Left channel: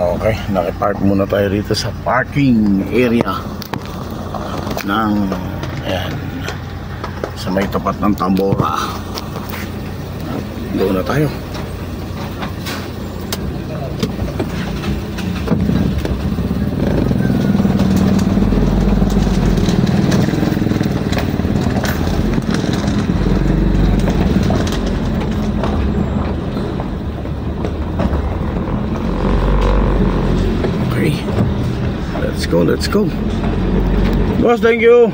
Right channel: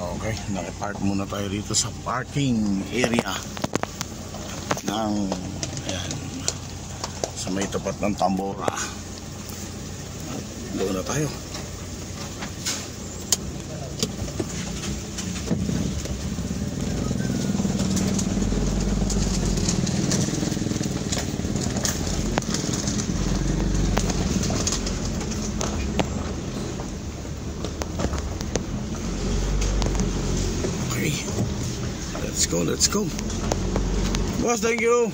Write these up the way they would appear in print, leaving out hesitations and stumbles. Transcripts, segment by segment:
Okay, nakipark muna tayo rito sa parking area ng ayan, sa may tapat ng Tambora. Doon na tayo. Let's go. Boss, thank you.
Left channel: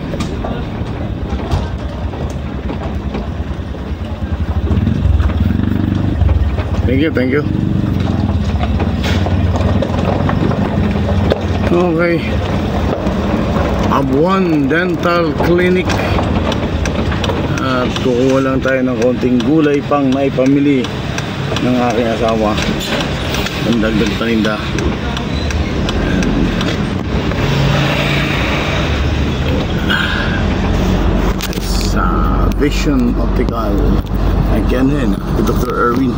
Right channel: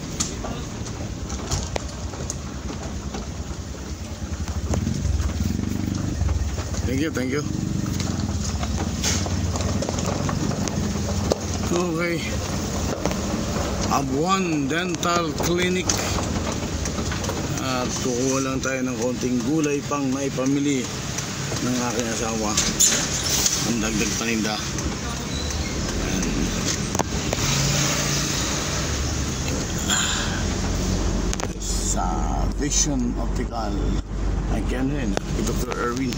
Thank you. Okay. Abuan Dental Clinic. At kukuha lang tayo ng konting gulay pang maipamili ng aking asawa. Ang dagdag paninda. Sa Vision Optical again din Dr. Erwin.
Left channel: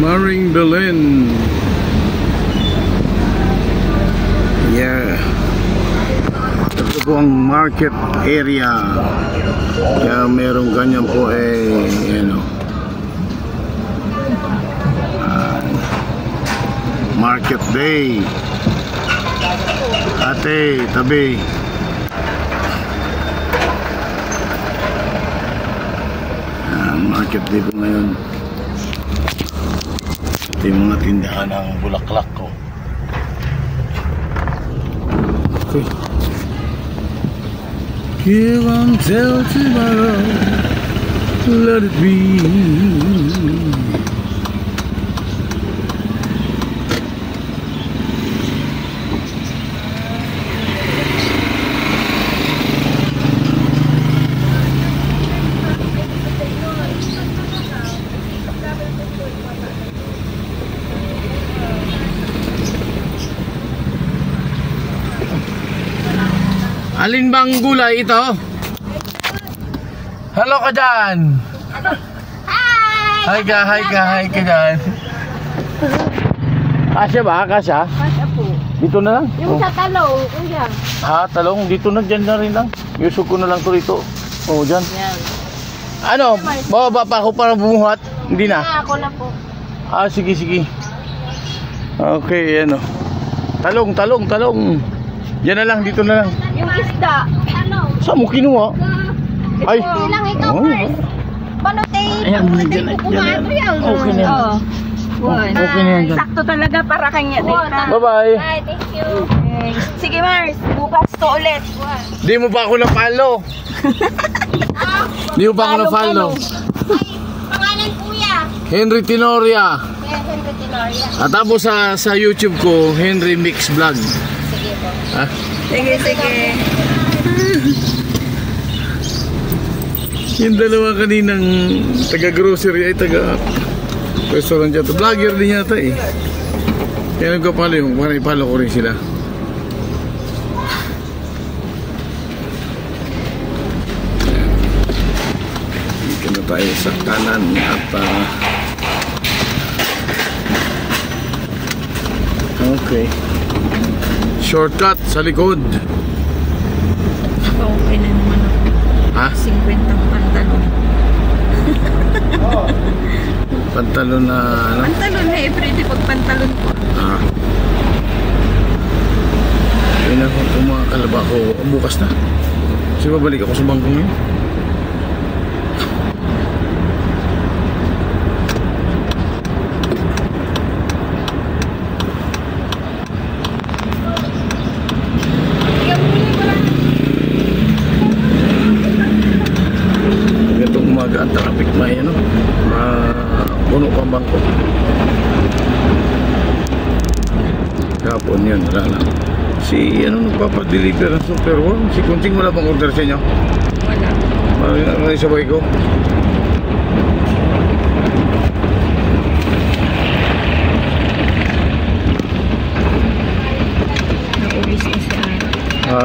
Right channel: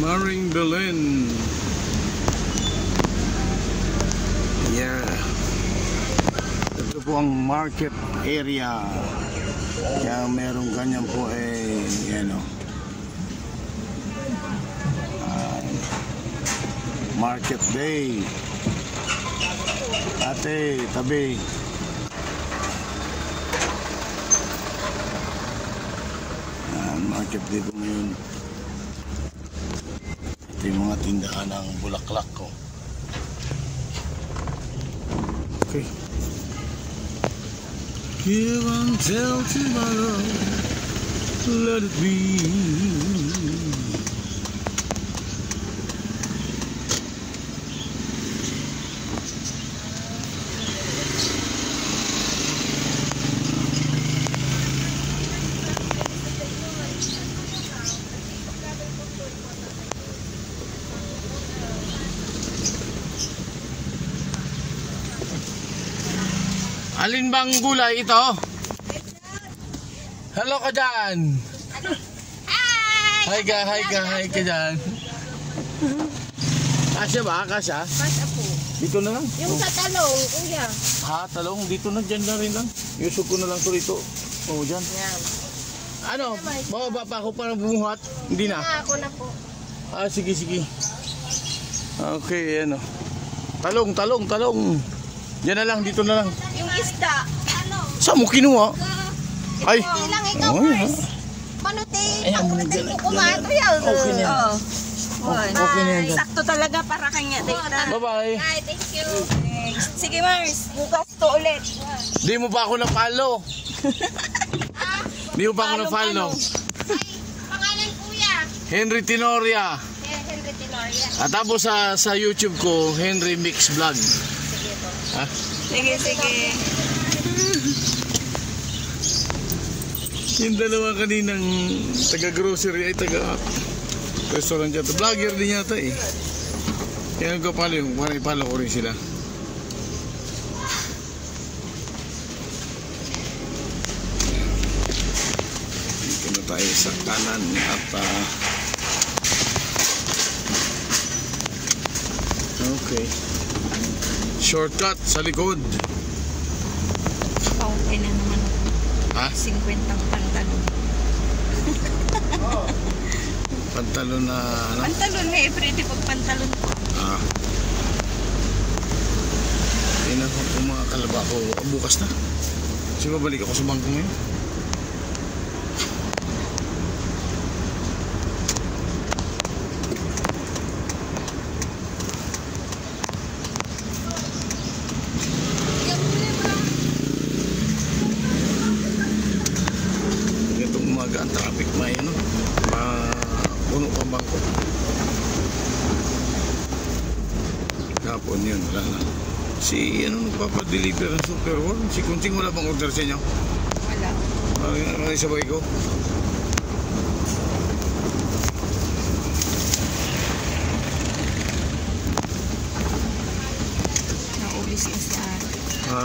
Maring Belen. Ito po ang market area. Kaya merong ganyan po market day. Ate, tabi. Market day po ngayon. Ito yung mga tindahan ng bulaklak ko. Okay. Give until tomorrow, let it be. Alin bang gulay ito? Hello ka dyan. Hi! Hi ka dyan. Kasya ba? Kasya po. Dito na lang? Yung sa talong, kuya. Talong? Dito na, dyan na rin lang. Yusok ko na lang to rito. Dyan. Yan. Ano? Bababa pa ako para bumuhat? Hindi na? Ako na po. Sige. Okay, Talong. Diyan na lang, dito na lang. Yung isda. Saan mo kinuha? Ay! Hindi lang ikaw first. Panutay ko kumato yan. Okay na. Okay na. Sakto talaga para kanya. Bye-bye. Bye, thank you. Sige Mars, bukas to ulit. Di mo ba ako na-follow? Di mo ba ako na-follow? Ay, pangalan kuya. Henry Tenoria. Yes, Henry Tenoria. At tapos sa YouTube ko, Henry Mix Vlog. Sige po. Sige. Yung dalawa kaninang taga-grocery ay taga-restaurant yata. Vlogger din yata eh. Kaya nagkapalo yung para ipalo ko rin sila. Dito na tayo sa kanan at okay. Shortcut sa likod. Okay na naman ako. 50 ang pantalon. Pantalon na Pantalon na everyday pag pantalon. Ayun ako, kung mga kalaba ko bukas na. Kasi babalik ako sa bangko ngayon. Ang traffic may puno pa bangko. Kapon yun, wala na. Si nagpapadeliver ng Super Warm? Si Kunting wala bang order sa inyo? Wala. May sabay ko. Ha?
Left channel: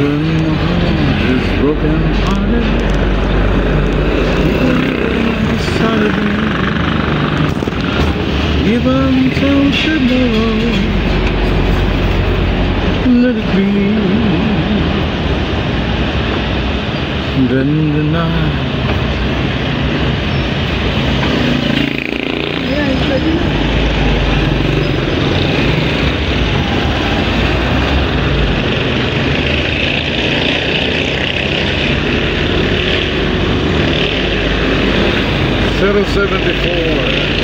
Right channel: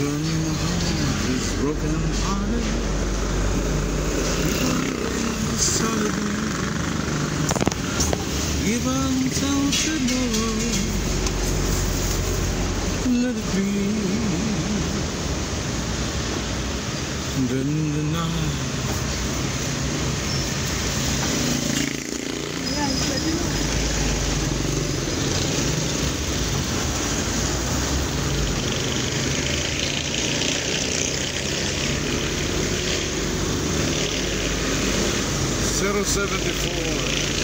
When my heart is broken hearted, even till tomorrow, let it be. Then the night. Zero 74.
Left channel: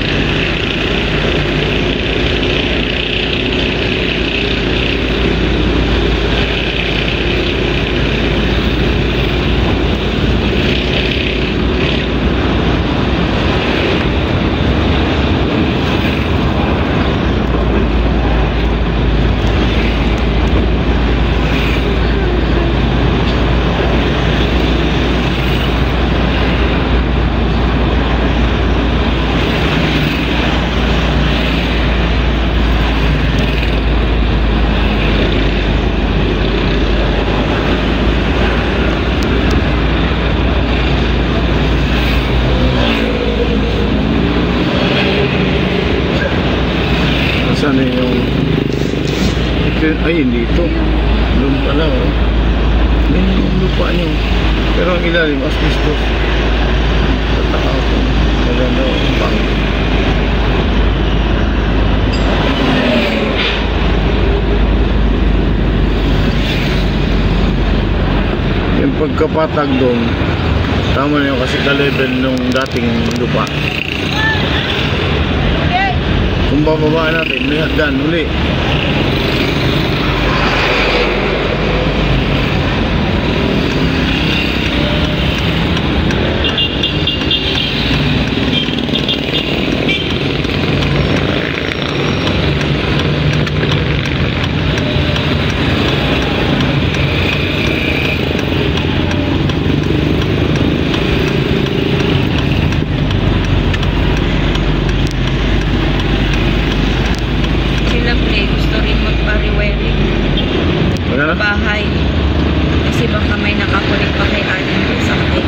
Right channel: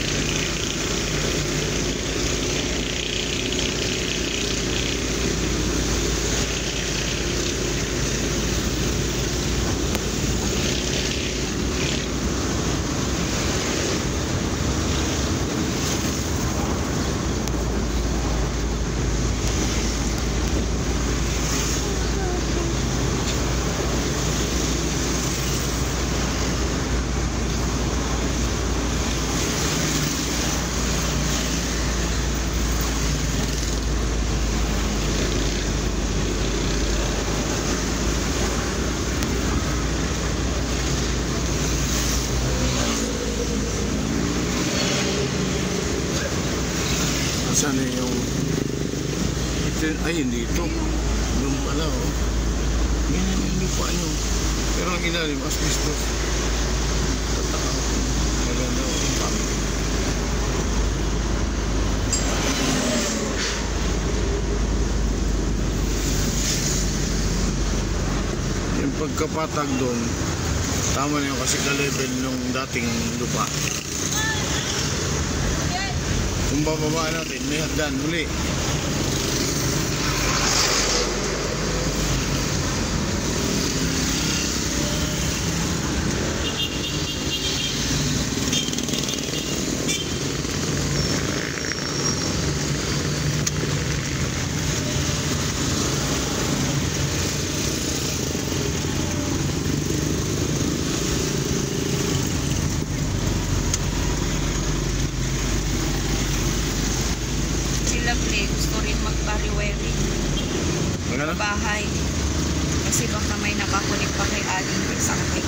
Sana yung ito, ay hindi ito lupa na oh. Yan yung lupa nyo pero ang ilalim asbestos. Tataka ako maganda ang pangit. Yung pagkapatag doon tama na yun kasi ka-level nung dating lupa. Kung bababa natin, may hagdan uli. Bahay kasi baka may nakakulik pa kay Alin sa akin.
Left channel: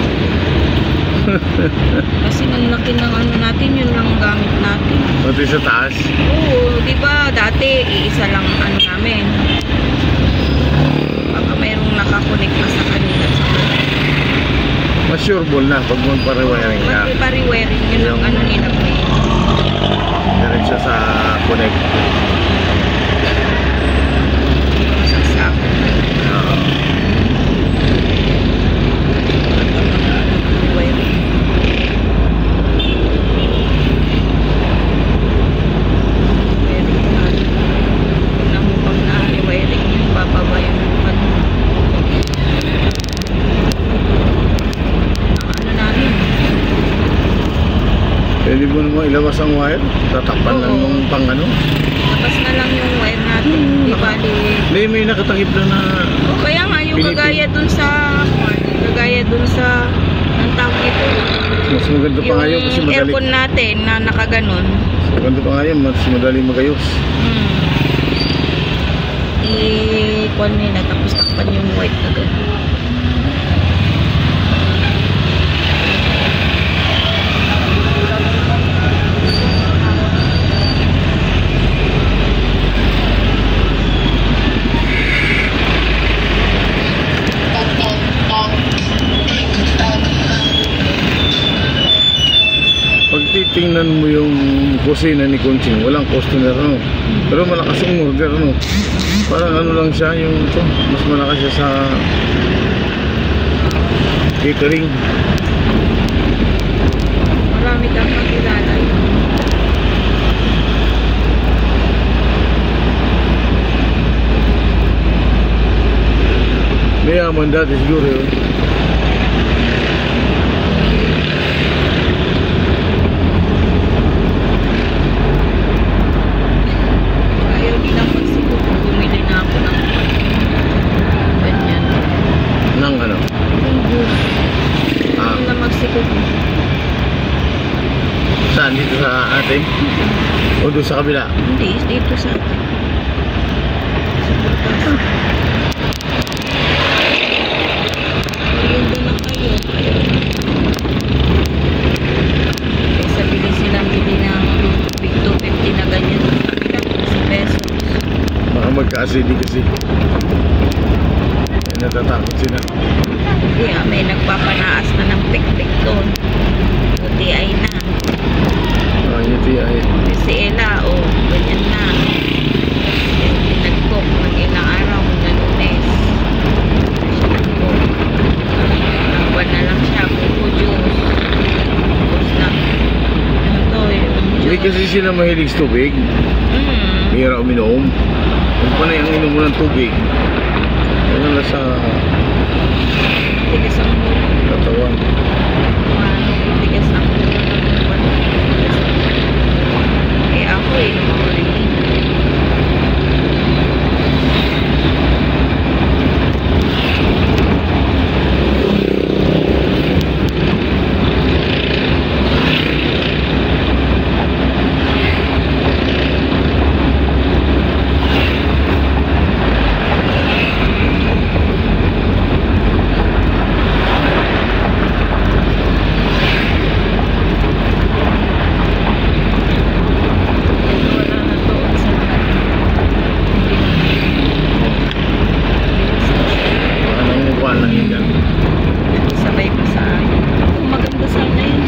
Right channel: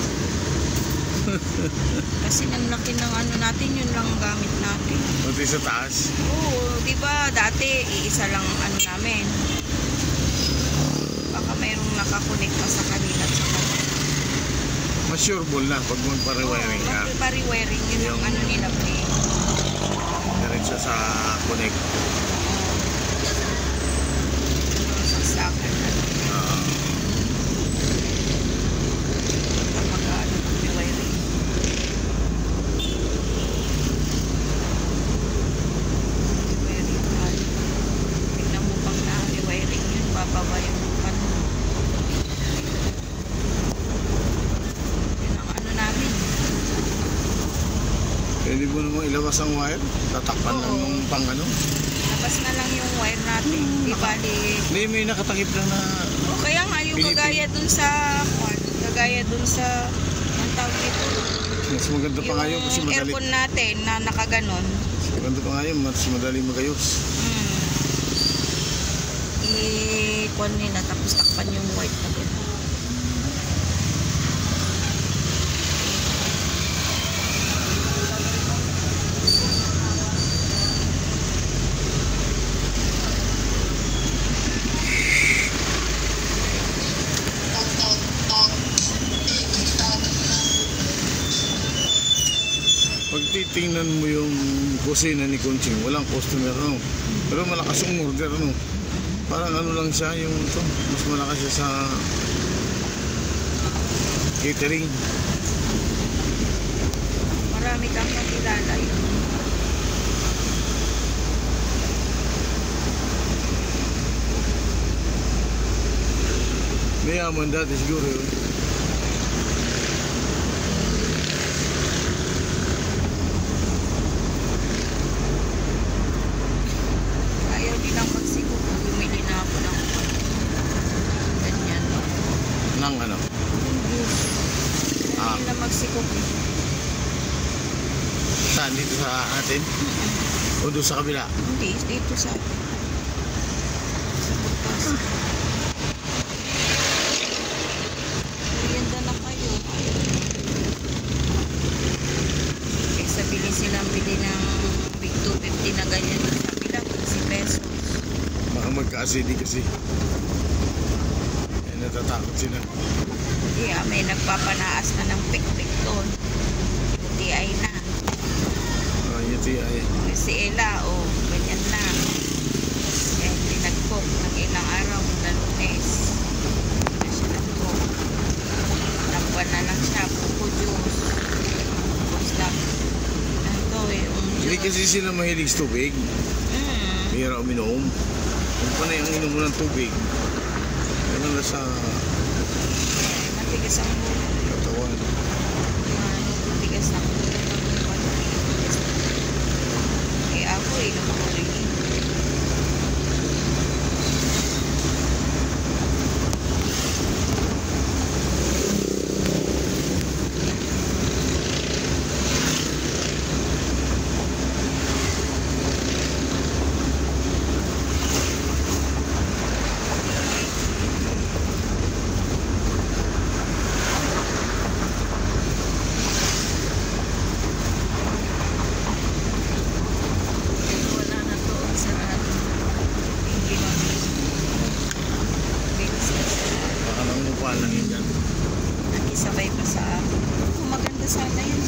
Kasi ang laki ng ano natin, yun lang gamit natin. Pati sa taas? Oo, di ba dati iisa lang ano namin. Baka mayroong nakakulik pa sa kanila sa kanila. Mas sureball na pag magpariwiring ka. Magpariwiring, yun ang ano nila po. Diretso sa connect. Pwede mo naman ilabas ang wire, tatakpan lang nung pang ano. Labas na lang yung wire natin, di bali. Hindi, may nakatakip na na. O kaya nga yung kagaya dun sa, ang tawag ito. Mas maganda pa ngayon kasi yung madali. aircon natin na nakaganon. Mas maganda pa ngayon, mas madali magayos. I-con nila tapos takpan yung white na gano'n. Tingnan mo yung kusina ni Conching, walang customer no. Pero malakas yung order no. Parang ano lang siya yung ito, mas malakas siya sa catering. Marami kang makilala. Mayaman dati siguro yun. sa atin? O doon sa kabila? Hindi, dito sa merienda na kayo. Kaysa bili silang bili ng big 250 na ganyan. Sabi lang, 15 pesos. Baka magka-acid kasi. Natatakot sila. Hindi may nagpapanaas na ng pik-pik doon. Buti ay na. UTI. Si Ella, ganyan na. Yung nag-cook ng ilang araw, na Lunes. Na siya nag-cook. Nangwan na lang siya, buko juice. Tapos lang. Ito, yung Hindi juice. kasi sila mahilig sa tubig. Hira uminom. Kung pa na yung inom mo ng tubig, ano na sa Tigas ang ulo. katawan. Tigas ang ulo. Kaya ako lumakulit. Sabay pa sa akin. Maganda sana yun.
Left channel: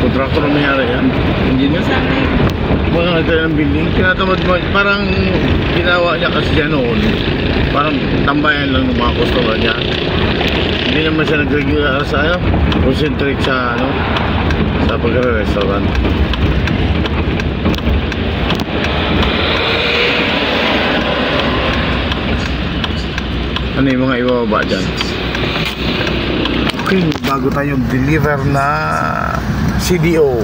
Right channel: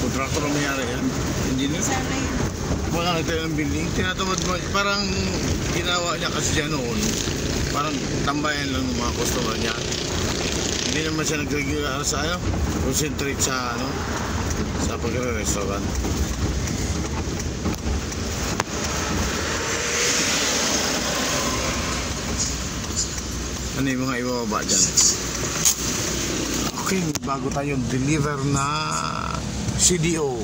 Kontraktor ang nangyari yan. Engineer. Sana yun. Mga ito ng building. Tinatamad mo. Parang ginawa niya kasi yan noon. Parang tambayan lang ng mga customer niya. Hindi naman siya nag-regular sa ano. Concentrate sa ano. Sa pagre-restaurant. Ano yung mga ibababa dyan? Okay, bago tayong deliver na CDO.